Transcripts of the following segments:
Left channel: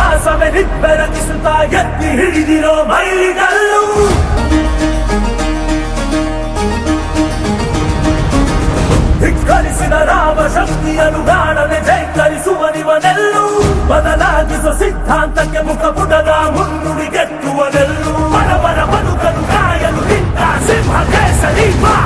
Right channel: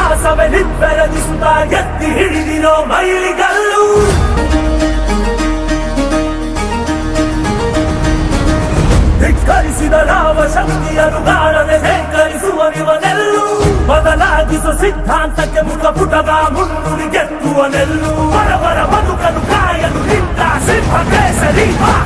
ಇತಿಹಾಸವೇ ನಿಬ್ಬೆರಗಿಸುತ್ತಾ ಎತ್ತಿ ಹಿಡಿದಿರೋ ಮೈಲಿಗಲ್ಲು. ಧಿಕ್ಕರಿಸಿದ ರಾಮ ಶಕ್ತಿಯನ್ನು ಗಾಳದೆ ಧೈರ್ಯಿಸುವ ಇವನೆಲ್ಲು. ಬದಲಾಗಿಸುವ ಸಿದ್ಧಾಂತಕ್ಕೆ ಮುಖಪುಟದ ಮುನ್ನುಡಿ ಗೆತ್ತುವನೆಲ್ಲು. ಬಡವರ ಬದುಕಲು ಕಾಯಲು ನಿಂತ ಸಿಂಹ ಕೇಸರಿ ಬಾ.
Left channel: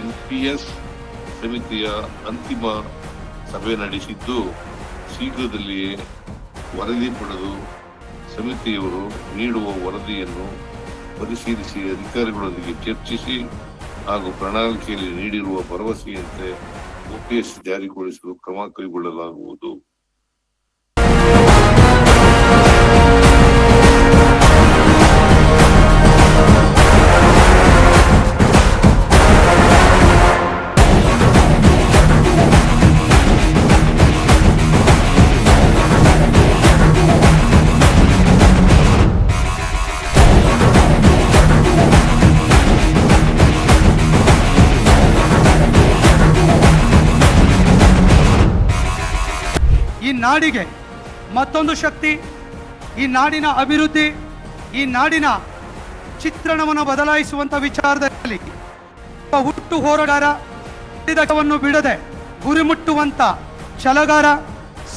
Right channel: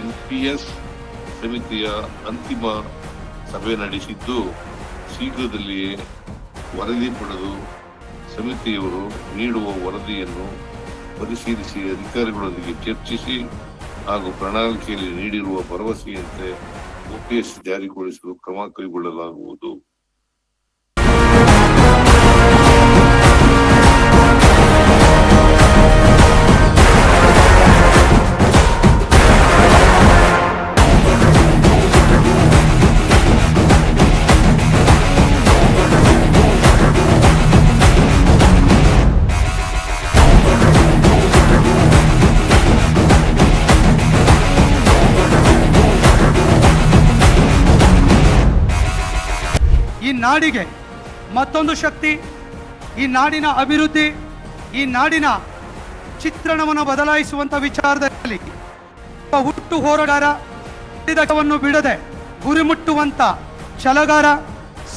NPS ಸಮಿತಿಯ ಅಂತಿಮ ಸಭೆ ನಡೆಸಿದ್ದು, ಶೀಘ್ರದಲ್ಲಿಯೇ ವರದಿ ಪಡೆದು ಸಮಿತಿಯವರು ನೀಡುವ ವರದಿಯನ್ನು ಪರಿಶೀಲಿಸಿ ಅಧಿಕಾರಿಗಳೊಂದಿಗೆ ಚರ್ಚಿಸಿ ಹಾಗೂ ಪ್ರಣಾಳಿಕೆಯಲ್ಲಿ ನೀಡಿರುವ ಭರವಸೆಯಂತೆ OPS ಜಾರಿಗೊಳಿಸಲು ಕ್ರಮ ಕೈಗೊಳ್ಳಲಾಗುವುದು. ಈ ನಾಡಿಗೆ ಮತ್ತೊಂದು ಶಕ್ತಿ, ಈ ನಾಡಿನ ಅಭಿವೃದ್ಧಿ, ಈ ನಾಡಿನ ಚಿತ್ರಣವನ್ನು ಬದಲಾಯಿಸುವಂಥ ವಿಚಾರದಲ್ಲಿ ಹುಟ್ಟು ಹೋರಾಟಗಾರವನ್ನು ಬಿಡದೆ ಗುರಿ ಮುಟ್ಟುವಂಥ ಛಲಗಾರ,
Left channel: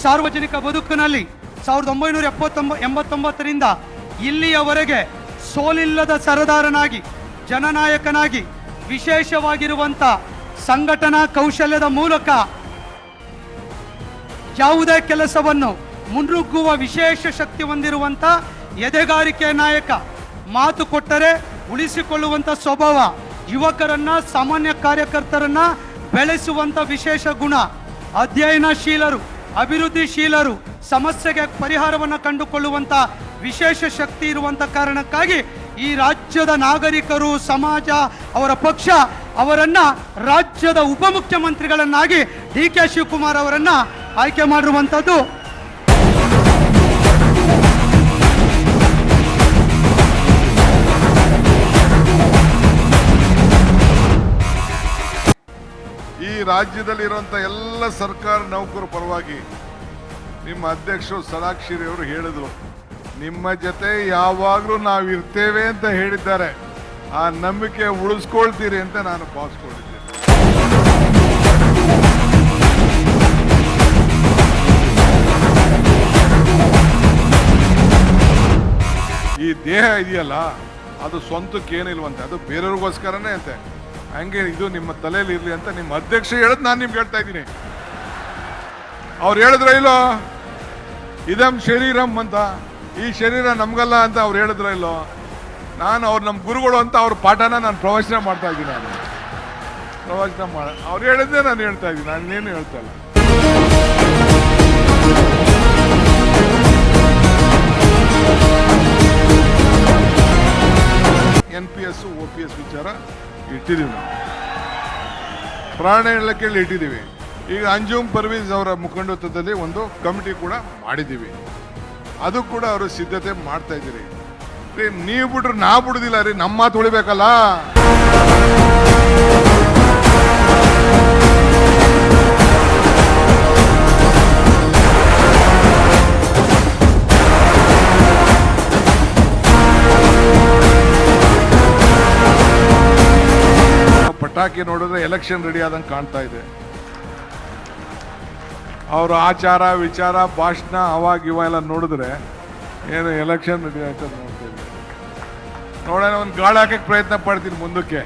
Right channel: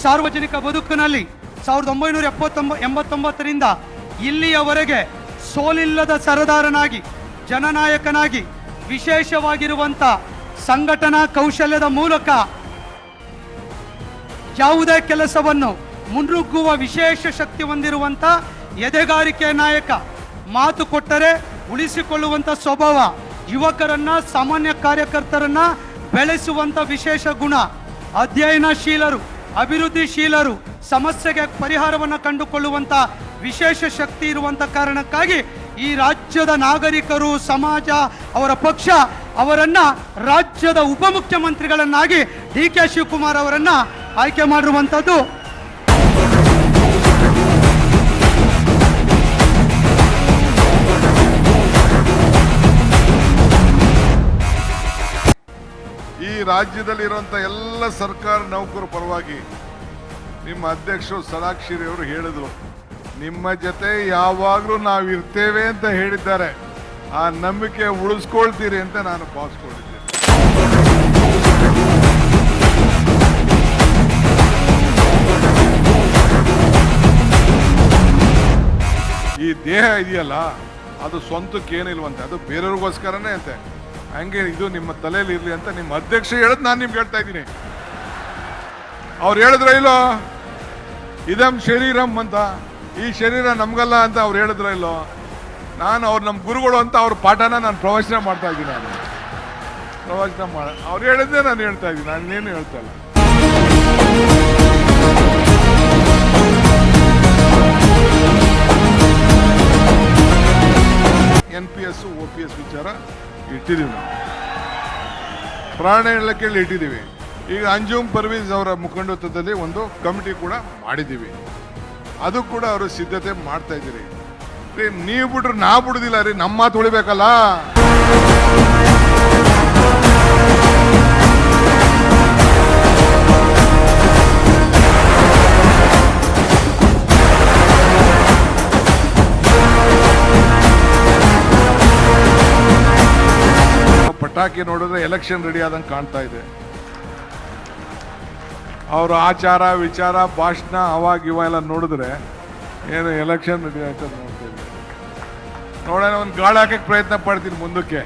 ಸಾರ್ವಜನಿಕ ಬದುಕಿನಲ್ಲಿ 1989ರಿಂದ ಇಲ್ಲಿಯವರೆಗೆ ಸೋಲಿಲ್ಲದ ಸರದಾರನಾಗಿ, ಜನನಾಯಕನಾಗಿ, ವಿಶೇಷವಾಗಿರುವಂಥ ಸಂಘಟನಾ ಕೌಶಲ್ಯದ ಮೂಲಕ ಯಾವುದೇ ಕೆಲಸವನ್ನು ಮುನ್ನುಗ್ಗುವ ವಿಶೇಷ ಶಕ್ತಿ ಹೊಂದಿರುವಂಥ ಎದೆಗಾರಿಕೆ ನಾಯಕ, ಮಾತು ಕೊಟ್ಟರೆ ಉಳಿಸಿಕೊಳ್ಳುವಂಥ ಸ್ವಭಾವ, ಯುವಕರನ್ನ, ಸಾಮಾನ್ಯ ಕಾರ್ಯಕರ್ತರನ್ನ ಬೆಳೆಸುವಂಥ ವಿಶೇಷ ಗುಣ, ಅಧ್ಯಯನಶೀಲರು, ಅಭಿವೃದ್ಧಿಶೀಲರು, ಸಮಸ್ಯೆಗೆ ಪರಿಹಾರವನ್ನು ಕಂಡುಕೊಳ್ಳುವಂಥ ವಿಶೇಷ ಶಕ್ತಿ ಇರುವಂಥ ಕಾರಣಕ್ಕಾಗಿ ಈ ರಾಜ್ಯದ ನಾಗರಿಕರು, ಸಮಾಜ, ಅವರ ಪಕ್ಷ ಅವರನ್ನ ರಾಜ್ಯದ ಉಪಮುಖ್ಯಮಂತ್ರಿಗಳನ್ನಾಗಿ DK ಶಿವಕುಮಾರ್ ಅವರನ್ನ ಆಯ್ಕೆ ಮಾಡಿರುವಂಥದ್ದು. ಈ ರಾಜ್ಯದಲ್ಲಿರುವಂಥ ಎಲ್ಲ ಸರ್ಕಾರ ನೌಕರ ಪರವಾಗಿ ನಿಮ್ಮ ಅಧ್ಯಕ್ಷರು ಸಲಾಕ್ಷಿರಿ ಅವರು ಹೇಳಿದ್ರು, ನಿಮ್ಮ ಜೊತೆ ಯಾವಾಗಲೂ ನಾವು ಇರ್ತೇವೆ ಅಂತ ಹೇಳಿದ್ದಾರೆ. ಆ ನಂಬಿಕೆ ಉಳಿಸ್ಕೊಳ್ತೀರಿ ಅಂತ ನಾನು ಭಾವಿಸ್ಕೊಂಡಿದ್ದೇನೆ. ಈ ದೇಹ ಇದೆಯಲ್ಲ, ಅದು ಸ್ವಂತಕ್ಕೆ ಏನಿಲ್ವಂತೆ, ಅದು ಬೇರೆಯವ್ರಿಗೋಸ್ಕರನೇ ಅಂತೆ. ಹಂಗೆ ಇದು ನಿಮ್ಮ ತಲೆಯಲ್ಲಿ ಇರಲಿ ಅಂತ ನಿಮ್ಮ ಅಧ್ಯಕ್ಷ ಹೇಳೋದು ನಾನು ನಿಮ್ಗೆ ಹೇಳ್ತಾ ಇದ್ದೀನಿ. ಅವ್ರು ಹೇಳಿದ್ರ ಇಲ್ಲೋ, ಇದಂ ಶರೀರಂ ಅಂತ, ಈ ಶರೀರ ನಮ್ಗಲ್ಲ ಅಂತ ಅವ್ರು ಹೇಳಿದ್ರ ಇಲ್ಲೋ. ನಾನು ಅವ್ರು ನಮ್ಮ ಗುರುಗಳು ಅಂತ ಅವ್ರ ಪಾಠನ ನಾನು ಪ್ರವಚನ ಮಾಡ್ತಾ ಇದ್ದೀನಿ. ನಾನು ಪ್ರವಚನ ಅವ್ರು ಹೇಳಿದ್ದೆ ನಾನು ಹೇಳ್ತಾ ಇದ್ದೀನಿ, ನಾನೇನು ಹೇಳ್ತಾ ಇಲ್ಲ. NPS OPS ವಿಚಾರ ಇಟ್ಟಿದ್ದೀವಿ, ನಾವು ಪ್ರಾಣ ಇಲಾಖೆಯಲ್ಲಿ ಇಟ್ಟಿದ್ದೀವಿ. ಈಗ ಅಂಜುಮ್ ಪರ್ವೀಸ್ ಅವರ ಮುಖಂಡತ್ವದಲ್ಲಿ ಒಂದು ಕಮಿಟಿ ಕೂಡ ಮಾಡಿದ್ದೀವಿ, ಅದು ಕೂಡ ಅವರು ಸಿದ್ಧತೆ ಮಾಡ್ತಾ ಇದ್ದೀರಿ. ನೀವು ಬಿಟ್ರೆ ನಾ ಬಿಡುದಿಲ್ಲ ರೀ, ನಮ್ಮ ಮಾತು ಉಳಿಬೇಕಲ್ಲ. ಪಟಾಕಿ ನೋಡಿದ್ರೆ ಎಲೆಕ್ಷನ್ ರೆಡಿ ಆದಂಗೆ ಕಾಣ್ತಾ ಇದೆ. ಅವರು ಆಚಾರ ವಿಚಾರ ಭಾಷಣ ಅವಾಗ ಇವ ಎಲ್ಲ ನೋಡಿದ್ರೆ ಏನು ಎಲೆಕ್ಷನ್ ರೆಡಿ ಆಯ್ತದ ನೋಡ್ತಾ ಇದ್ದೀವಿ. ನೋಡೋಣ, ಒಂದು ಗಾಳಿ ಹಾಕಕ್ಕೆ ಪ್ರಯತ್ನ ಪಡ್ತೀನಿ ಮುಂದಕ್ಕೆ.